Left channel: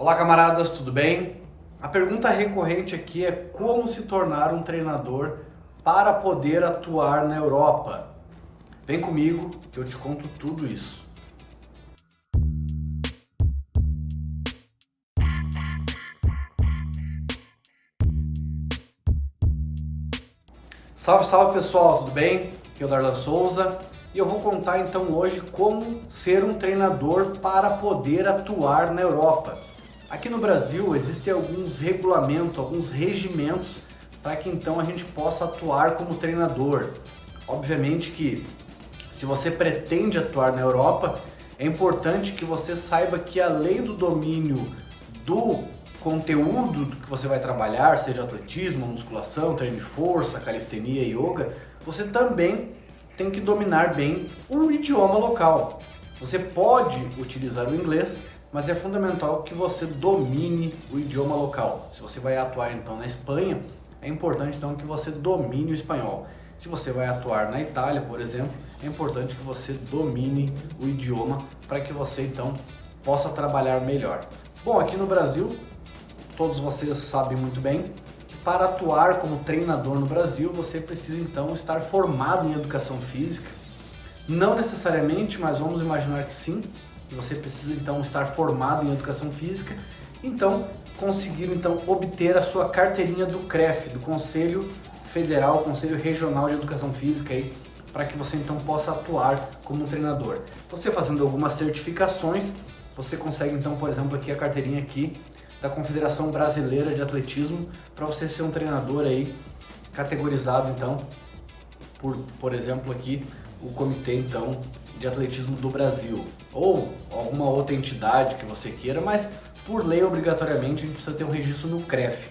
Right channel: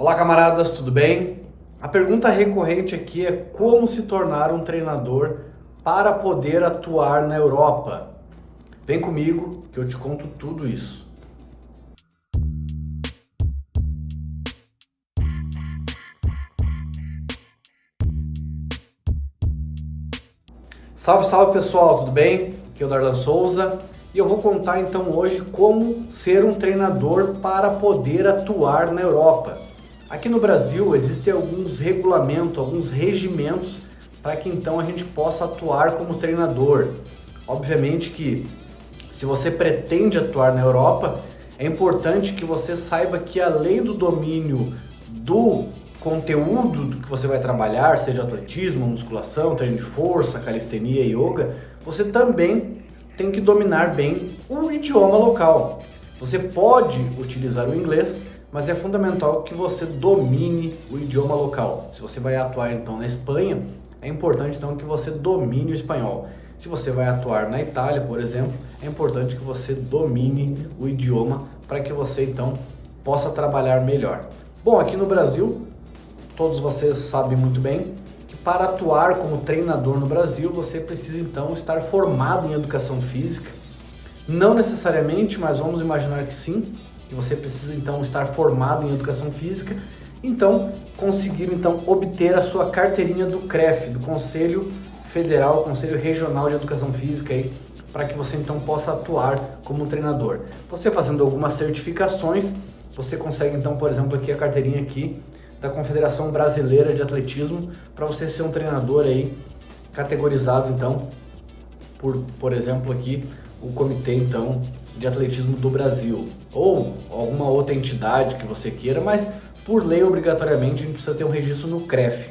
Olá, camaradas, tudo bem? A pergunta recorrente aqui é como se tornar um treinador para poder atuar na Europa. Vem comigo que eu te conto tudo isso. Salve, salve pessoal, tudo bem? Aqui é o Darlan Souza e eu vou contar então hoje como ser um treinador para poder atuar na Europa. Aqui no Brasil existem alguns regulamentos, alguns regimentos para que então a gente possa atuar como treinador. Obviamente que se você pretende atuar na Europa, é importante que você saiba que além do domínio do conteúdo do que você vai trabalhar, seja atletismo, musculação, treino de força, calistenia, yoga, você também tem que dominar bem o idioma local. Você pode utilizar o inglês, mas é fundamental que você domine o idioma local. Se você vai atuar então na Espanha, é importante então que você domine o espanhol. Se você vai atuar na Itália, por exemplo, é importante que você domine o idioma para que você então possa trabalhar melhor. Bom, aqui no Brasil, todos vocês sabem muito bem que para atuar como treinador no Brasil, você precisa então estar formado em educação física. Não necessariamente, mas vamos imaginar que sim, que você precisa então estar formado em educação física, então conseguir então obter a sua carteirinha do CREF, do Conselho Federal, Conselho Regional de Educação Física aí, para que você então possa atuar como treinador. Você fazendo algumas certificações, você consegue então, por exemplo, aqui a carteirinha aqui da Confederação Brasileira de Atletismo, para você ser um treinador aí categorizado então por exemplo aqui o Comitê então de Atletismo do Brasil ou alguma outra entidade que você queira, mas por lei obrigatoriamente a gente precisa ter um registro no CREF.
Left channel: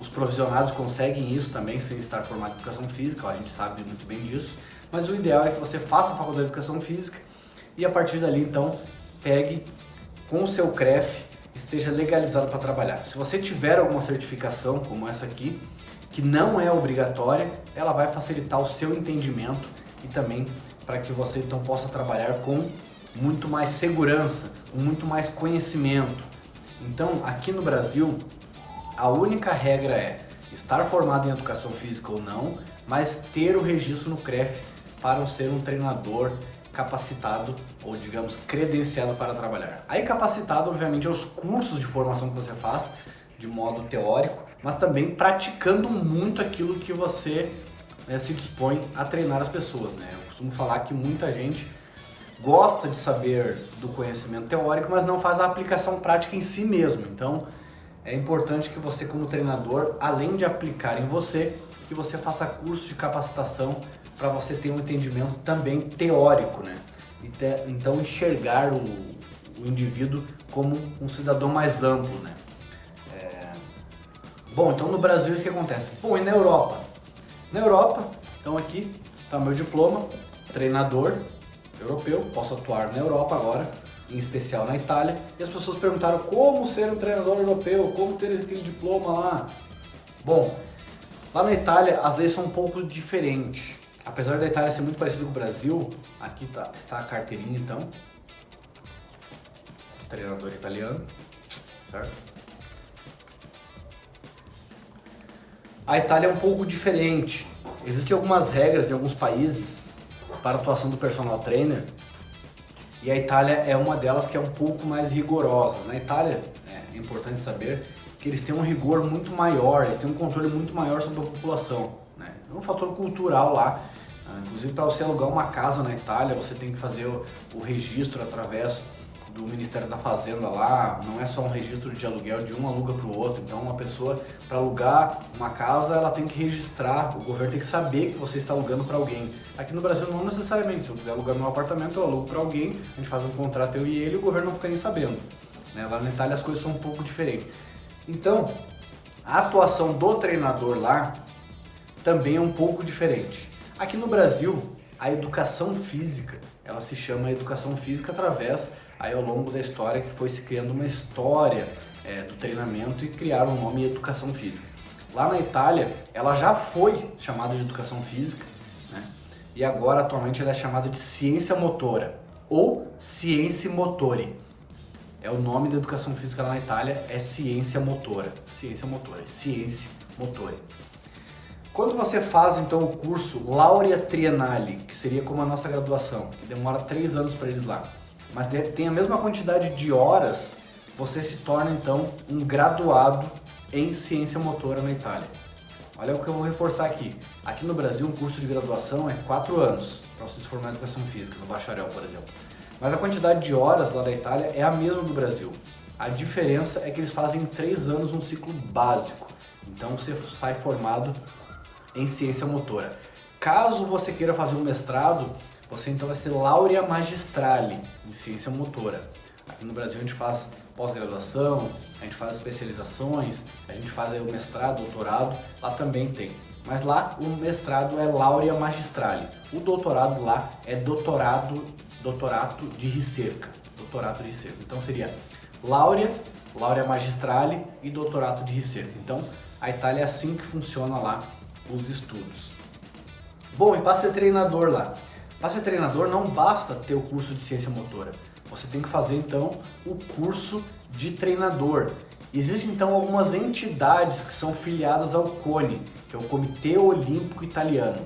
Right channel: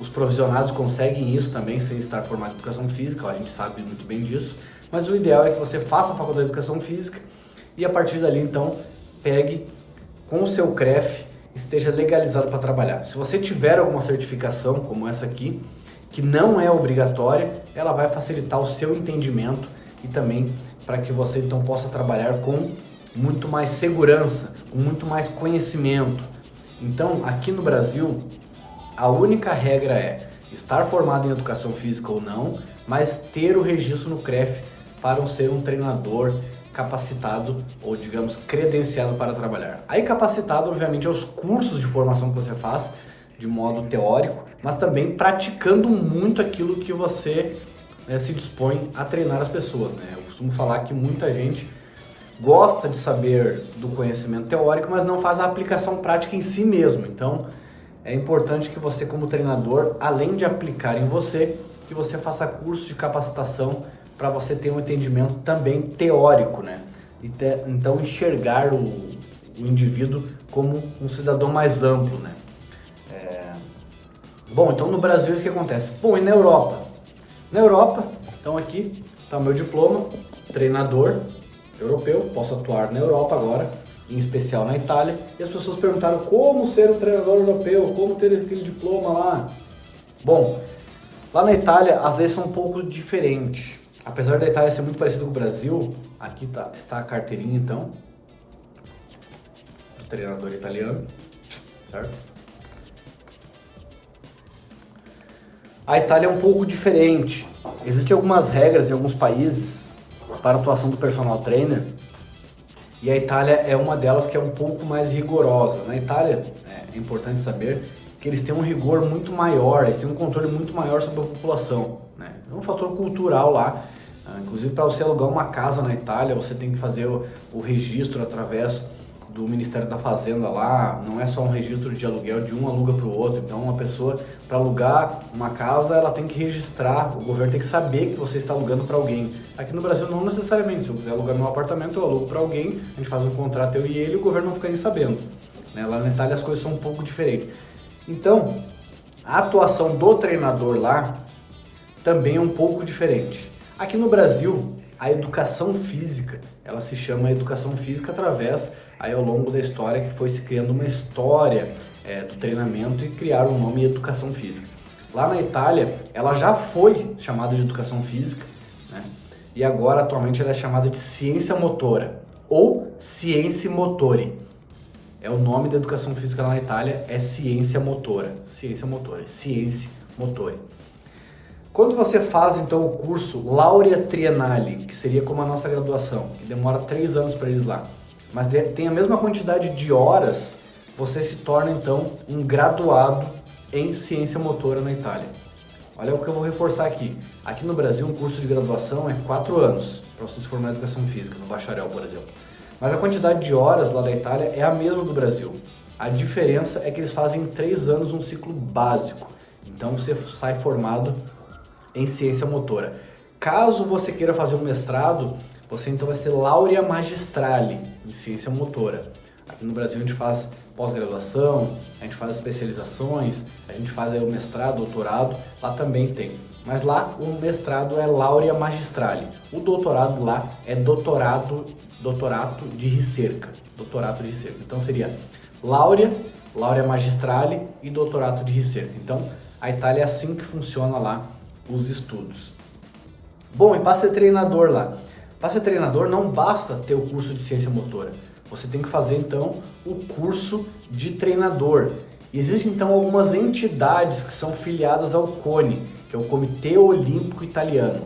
Os provisionados conseguem isso também sem estar formado em educação física, a gente sabe muito bem disso, mas o ideal é que você faça a faculdade de educação física e a partir dali então pegue com o seu CREF, esteja legalizado para trabalhar. Se você tiver alguma certificação como essa aqui, que não é obrigatória, ela vai facilitar o seu entendimento e também para que você então possa trabalhar com muito mais segurança, com muito mais conhecimento. Então, aqui no Brasil, a única regra é estar formado em educação física ou não, mas ter o registro no CREF para ser um treinador capacitado ou, digamos, credenciado para trabalhar. Aí capacitado, obviamente, aos cursos de formação que você faz de modo teórico, mas também praticando muito aquilo que você se dispõe a treinar as pessoas, né? Eu costumo falar que muita gente gosta de saber do conhecimento teórico, mas não faz a aplicação prática em si mesmo. Então, é importante que você, como treinador, além de aplicar em você, que você faça curso de capacitação para você ter um entendimento também teórico, né? Então, enxergar o indivíduo como um cidadão mais amplo, né? Bom, então no Brasil isso que acontece. Bom, e na Europa? Na Europa, então aqui está o meu diploma, treinador europeu, posso atuar na Europa agora, em especial na Itália, e as pessoas perguntaram como ser um treinador europeu, como ter aquele diploma lá. Bom, lá na Itália as leis são um pouco diferentes. Apesar da Itália ser muito parecida com o Brasil, aqui está a carteirinha então, do treinador italiano, certo? A Itália é um pouco diferente. Existem algumas regras em alguns países para a atuação do personal trainer e a Itália é uma delas que é um pouco mais rigorosa. Na Itália, é importante saber que eles têm um rigor muito maior, eles têm um controle muito maior sobre a população, né? É um fator cultural lá. Inclusive, para você alugar uma casa na Itália, você tem que fazer o registro através do Ministério da Fazenda lá, não é só um registro de aluguel de um aluga para o outro. Então, uma pessoa, para alugar uma casa, ela tem que registrar, o governo tem que saber que você está alugando para alguém. Aqui no Brasil, não necessariamente. Se eu quiser alugar meu apartamento, eu alugo para alguém, a gente faz um contrato, eu e ele, e o governo não fica nem sabendo, né? Lá na Itália, as coisas são um pouco diferentes. Então, a atuação do treinador lá também é um pouco diferente. Aqui no Brasil, a educação física, ela se chama educação física através, aí ao longo da história, que foi se criando uma história do treinamento e criaram o nome educação física. Lá na Itália, ela já foi chamada de educação física, né? E agora, atualmente, ela é chamada de ciência motora ou ciência motori. É o nome da educação física lá na Itália, é Ciência Motora. Ciência Motori. Quando você faz então o curso Laurea Triennale, que seria como a nossa graduação, que demora 3 anos para eles lá, mas tem a mesma quantidade de horas, você se torna então um graduado em ciência motora na Itália. Olha o que eu vou reforçar aqui. Aqui no Brasil, um curso de graduação é 4 anos para você se formar em educação física, no bacharel, por exemplo. Mas a quantidade de horas lá da Itália é a mesma do Brasil. A diferença é que eles fazem em 3 anos um ciclo básico. Então você sai formado em ciência motora. Caso você queira fazer um mestrado, você então vai ser laurea magistrale em ciência motora. Aqui no Brasil a gente faz pós-graduação, a gente faz especializações, a gente faz aí o mestrado, doutorado, lá também tem. Mas lá o mestrado é laurea magistrale, o doutorado lá é doutorato de ricerca, Então seria laurea magistrale e doutorato de ricerca. Então a Itália é assim que funciona lá os estudos. Bom, e para ser treinador lá? Para ser treinador não basta ter o curso de ciência motora. Você tem que fazer então o curso de treinador. Existem então algumas entidades que são filiadas ao CONI, que é o Comitê Olímpico Italiano.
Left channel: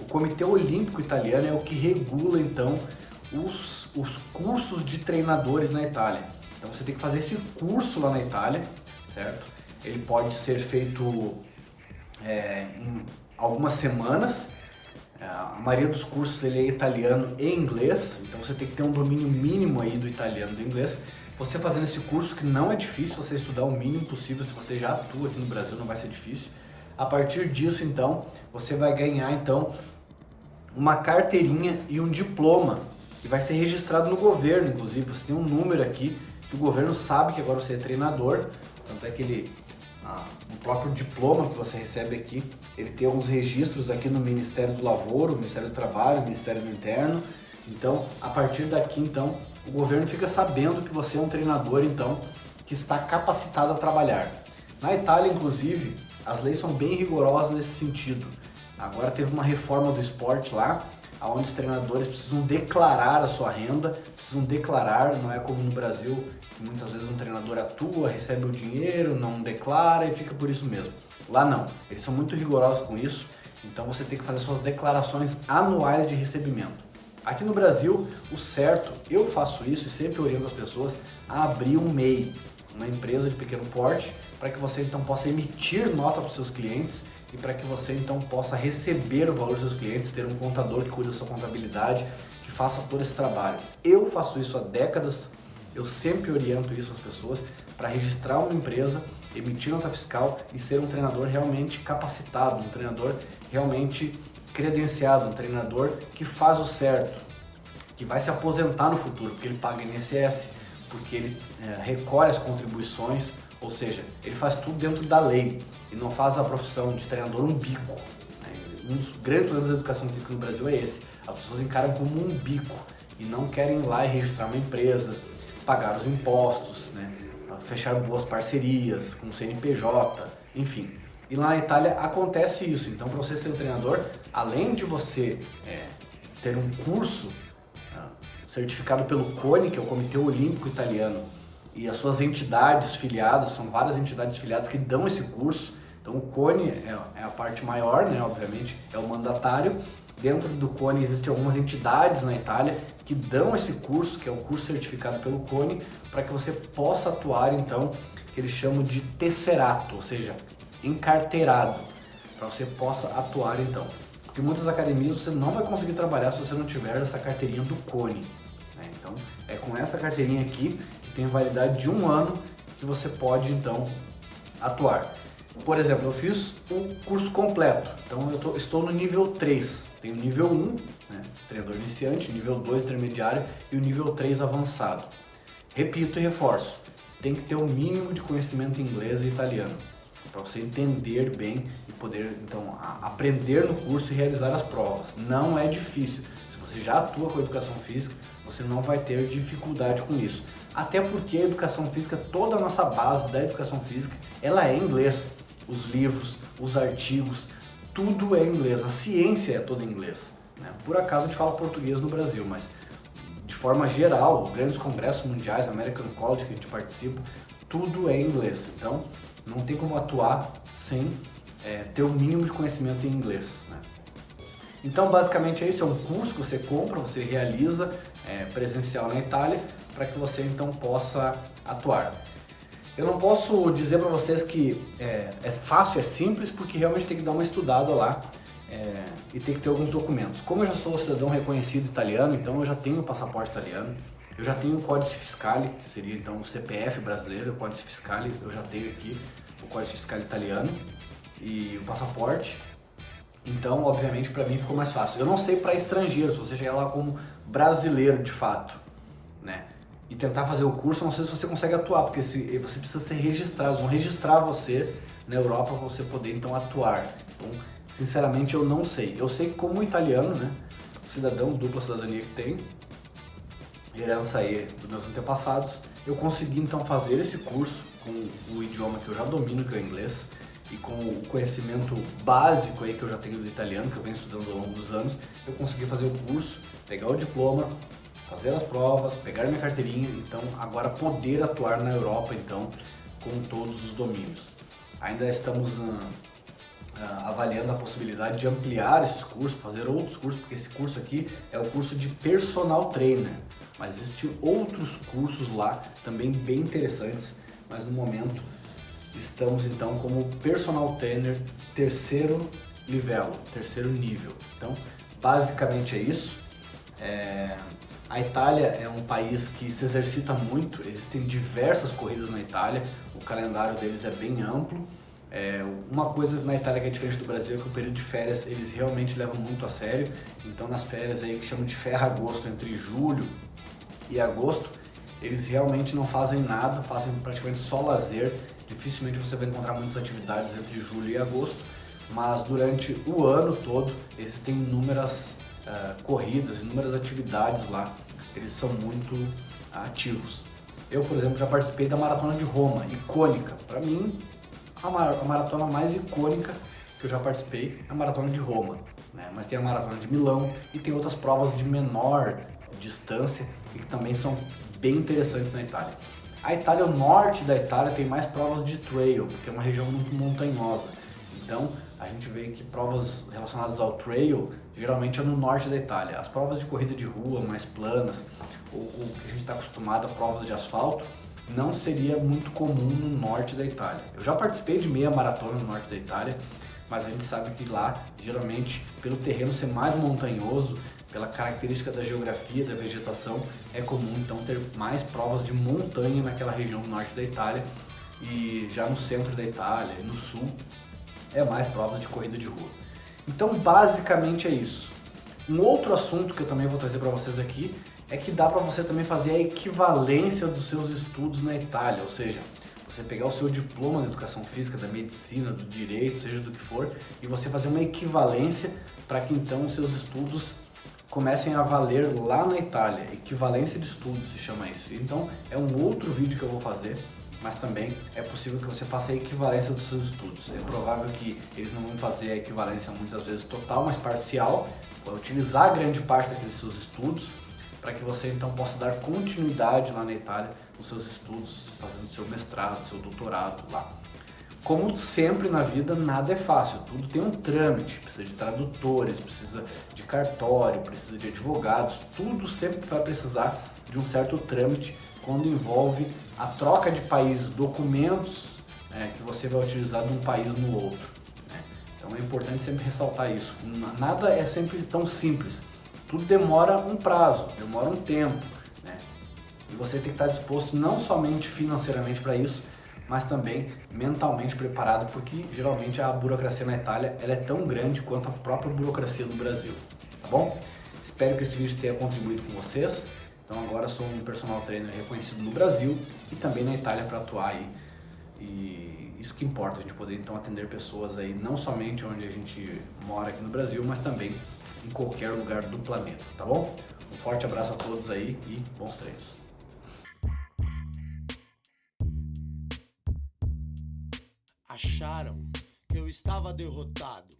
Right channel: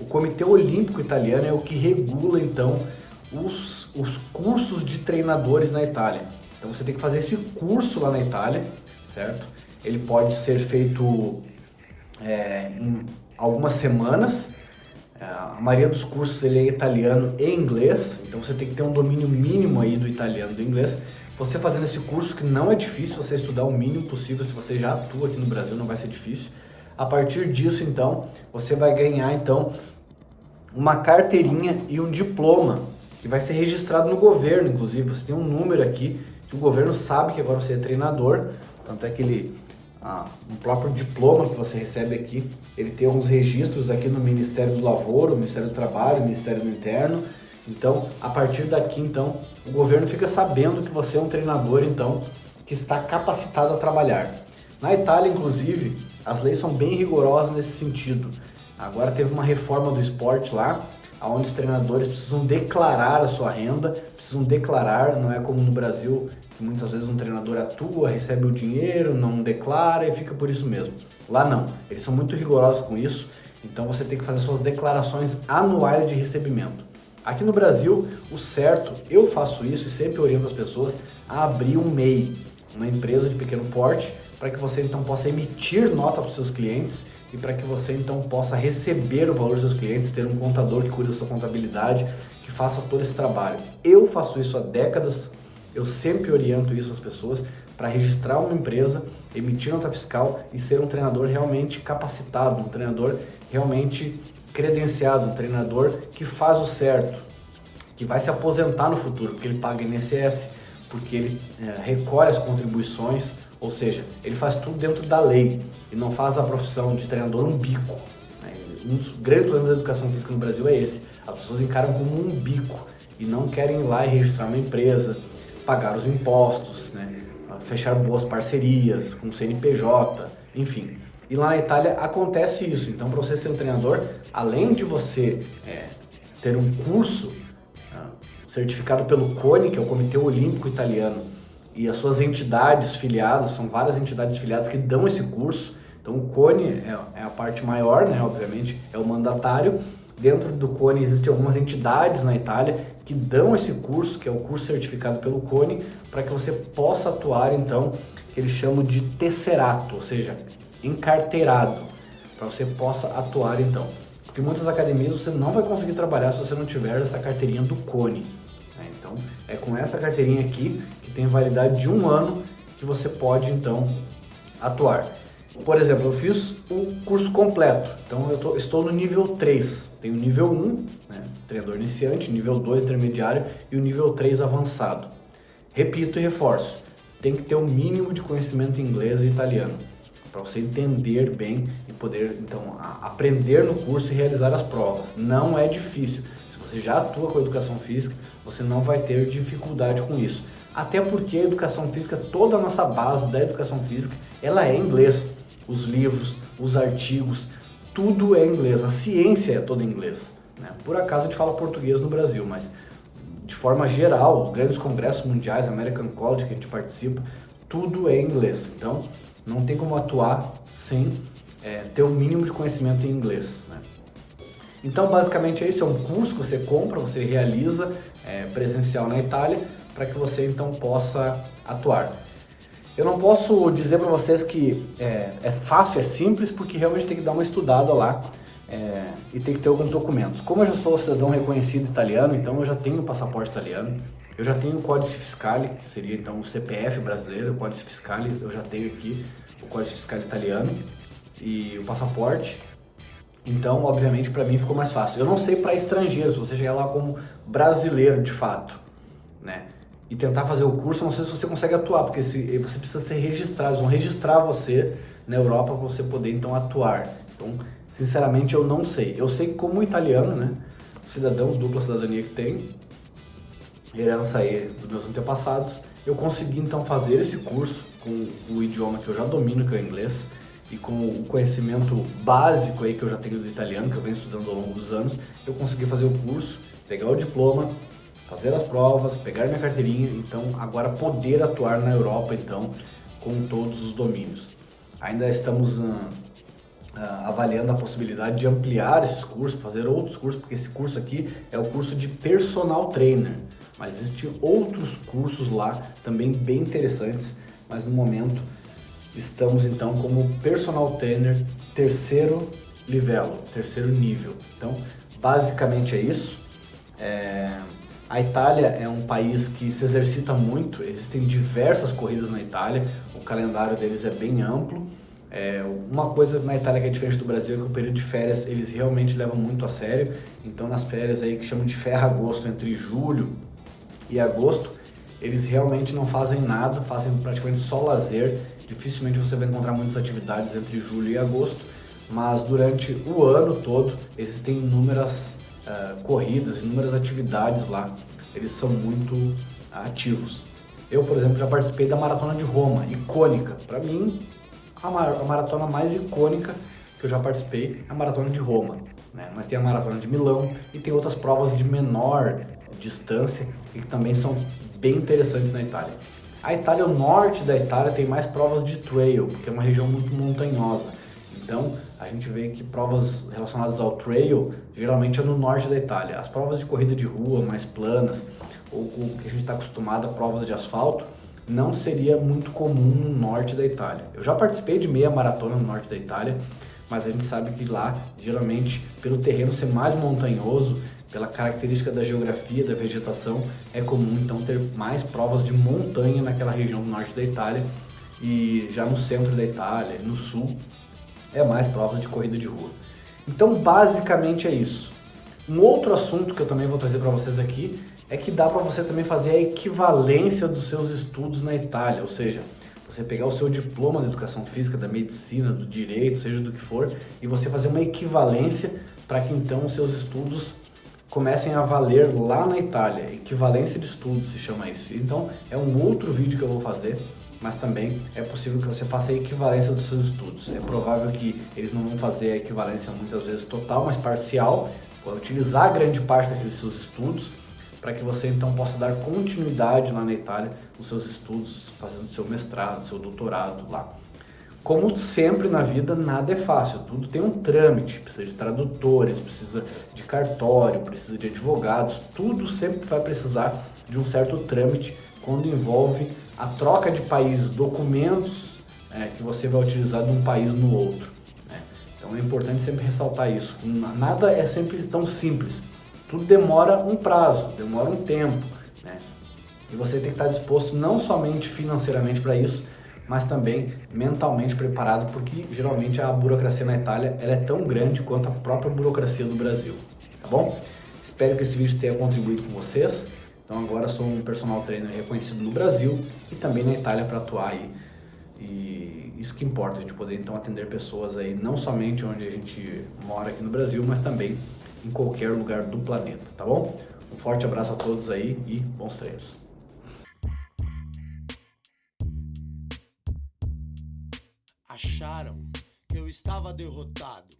O Comitê Olímpico Italiano é o que regula então os cursos de treinadores na Itália. Então você tem que fazer esse curso lá na Itália, certo? Ele pode ser feito em algumas semanas. A maioria dos cursos ele é italiano e inglês, então você tem que ter um domínio mínimo aí do italiano e do inglês. Você fazendo esse curso, que não é difícil, você estudar o mínimo possível, se você já atua aqui no Brasil não vai ser difícil. A partir disso então, você vai ganhar então uma carteirinha e um diploma, que vai ser registrado no governo, inclusive. Você tem um número aqui, que o governo sabe que agora você é treinador, tanto é que o próprio diploma que você recebe aqui, ele tem alguns registros aqui no Ministério do Lavoro, Ministério do Trabalho, Ministério do Interno. Então, a partir daqui, então, o governo fica sabendo que você é um treinador, então, que está capacitado a trabalhar. Na Itália, inclusive, as leis são bem rigorosas nesse sentido. Agora teve uma reforma do esporte lá, onde os treinadores precisam declarar a sua renda, não é como no Brasil, que muitas vezes um treinador atua, recebe o dinheiro, não declara e fica por isso mesmo. Lá não, eles são muito rigorosos com isso, então você tem que fazer suas declarações anuais de recebimento. Aqui no Brasil, o certo, eu faço isso e sempre oriento as pessoas a abrir um MEI, uma empresa de pequeno porte, para que você então possa emitir nota para os seus clientes e para que você então possa receber o valor dos seus clientes, ter um contador que cuide da sua contabilidade, que faça todo esse trabalho. Eu faço isso há décadas, eu sempre oriento isso às pessoas para registrar uma empresa, emitir nota fiscal e ser um treinador realmente capacitado, um treinador realmente credenciado, um treinador que faz o certo, que vai se aposentar no futuro, porque ele paga INSS, porque ele recolhe as contribuições, ou seja, ele faz tudo dentro da lei e não faz a profissão de treinador um bico. Um dos grandes problemas da educação física no Brasil é esse. As pessoas encaram como um bico e não querem ir lá e registrar uma empresa, pagar os impostos, fechar boas parcerias com o CNPJ, enfim. E lá na Itália acontece isso. Então, para você ser um treinador, além de você ter um curso certificado pelo CONI, que é o Comitê Olímpico Italiano, e as suas entidades filiadas, são várias entidades filiadas que dão esse curso. Então o CONI é a parte maior, obviamente, é o mandatário. Dentro do CONI existem algumas entidades na Itália que dão esse curso, que é o curso certificado pelo CONI, para que você possa atuar, então, que eles chamam de tesserato, ou seja, encarteirado, para você possa atuar, então. Porque muitas academias você não vai conseguir trabalhar se você não tiver essa carteirinha do CONI. Então, é com essa carteirinha aqui, que tem validade de 1 ano, que você pode, então, atuar. Por exemplo, eu fiz o curso completo, então eu estou no nível 3. Tem o nível 1, treinador iniciante, nível 2, intermediário, e o nível 3, avançado. Repito e reforço, tem que ter o mínimo de conhecimento em inglês e italiano, para você entender bem e poder, então, aprender no curso e realizar as provas. Não é difícil. Se você já atua com a educação física, você não vai ter dificuldade com isso. Até porque a educação física, toda a nossa base da educação física, ela é em inglês. Os livros, os artigos, tudo é em inglês. A ciência é toda em inglês. Por acaso a gente fala português no Brasil, mas de forma geral, os grandes congressos mundiais, American College que a gente participa, tudo é em inglês. Então, não tem como atuar sem ter o mínimo de conhecimento em inglês, né? Então, basicamente é isso, é um curso que você compra, você realiza presencial na Itália, para que você então possa atuar. Eu não posso dizer para vocês que é fácil, é simples, porque realmente tem que dar uma estudada lá e tem que ter alguns documentos. Como eu já sou cidadão reconhecido italiano, então eu já tenho o passaporte italiano, eu já tenho o Códice Fiscale, que seria então o CPF brasileiro, o Códice Fiscale, eu já tenho aqui o Códice Fiscale italiano e o passaporte. Então, obviamente, para mim ficou mais fácil. Eu não sei para estrangeiros, se você chegar lá como brasileiro de fato, né? E tentar fazer o curso, eu não sei se você consegue atuar, porque você precisa ser registrado, eles vão registrar você na Europa para você poder então atuar. Então, sinceramente, eu não sei. Eu sei que como italiano, né, cidadão, dupla cidadania que tem, herança aí dos meus antepassados, eu consegui então fazer esse curso com o idioma que eu já domino, que é o inglês, e com o conhecimento básico aí que eu já tenho do italiano, que eu venho estudando ao longo dos anos, eu consegui fazer o curso, pegar o diploma, fazer as provas, pegar minha carteirinha, então agora poder atuar na Europa então com todos os domínios. Ainda estamos avaliando a possibilidade de ampliar esses cursos, fazer outros cursos, porque esse curso aqui é o curso de personal trainer, mas existem outros cursos lá também bem interessantes, mas no momento estamos então como personal trainer terceiro nível. Então, basicamente é isso. A Itália é um país que se exercita muito, existem diversas corridas na Itália, o calendário deles é bem amplo. Uma coisa na Itália que é diferente do Brasil é que o período de férias eles realmente levam muito a sério. Então, nas férias aí que chamam de ferragosto, entre julho e agosto, eles realmente não fazem nada, fazem praticamente só lazer. Dificilmente você vai encontrar muitas atividades entre julho e agosto, mas durante o ano todo existem inúmeras corridas, inúmeras atividades lá, eles são muito ativos. Eu, por exemplo, já participei da Maratona de Roma, icônica. Para mim, a maratona mais icônica que eu já participei é a Maratona de Roma, né? Mas tem a Maratona de Milão e tem outras provas de menor distância e que também são bem interessantes na Itália. A Itália, o norte da Itália, tem mais provas de trail, porque é uma região muito montanhosa. Então, a gente vê que provas relacionadas ao trail, geralmente é no norte da Itália. As provas de corrida de rua, mais planas, ou o que a gente está acostumado a provas de asfalto, não seria muito comum no norte da Itália. Eu já participei de meia maratona no norte da Itália, mas a gente sabe que lá, geralmente, pelo terreno ser mais montanhoso, pela característica da geografia, da vegetação, é comum então ter mais provas de montanha naquela região do norte da Itália, e já no centro da Itália, no sul, é mais provas de corrida de rua. Então, basicamente é isso. Um outro assunto que eu também vou trazer para vocês aqui é que dá para você também fazer a equivalência dos seus estudos na Itália, ou seja, você pegar o seu diploma de educação física, da medicina, do direito, seja do que for, e você fazer uma equivalência para que então os seus estudos comecem a valer lá na Itália. Equivalência de estudos se chama isso. Então é um outro vídeo que eu vou fazer, mas também é possível que você faça a equivalência dos seus estudos. É provável que eles não vão fazer a equivalência muitas vezes total, mas parcial, vai utilizar grande parte daqueles seus estudos para que você então possa dar continuidade lá na Itália nos seus estudos, fazendo seu mestrado, seu doutorado lá. Como sempre na vida, nada é fácil, tudo tem um trâmite, precisa de tradutores, precisa de cartório, precisa de advogados, tudo sempre vai precisar de um certo trâmite quando envolve a troca de países, documentos que você vai utilizar de um país no outro, né? Então é importante sempre ressaltar isso, que nada é sempre tão simples, tudo demora um prazo, demora um tempo, né? E você tem que estar disposto não somente financeiramente para isso, mas também mentalmente preparado, porque geralmente a burocracia na Itália ela é tão grande quanto a própria burocracia do Brasil, tá bom? Espero que esse vídeo tenha contribuído com vocês. Então agora sou um personal trainer reconhecido no Brasil e também na Itália para atuar aí. E isso que importa, a gente poder então atender pessoas aí não somente onde a gente mora aqui no Brasil, mas também em qualquer lugar do planeta, tá bom? Um forte abraço a todos aí e bons treinos. Acharam que eu estava derrotado,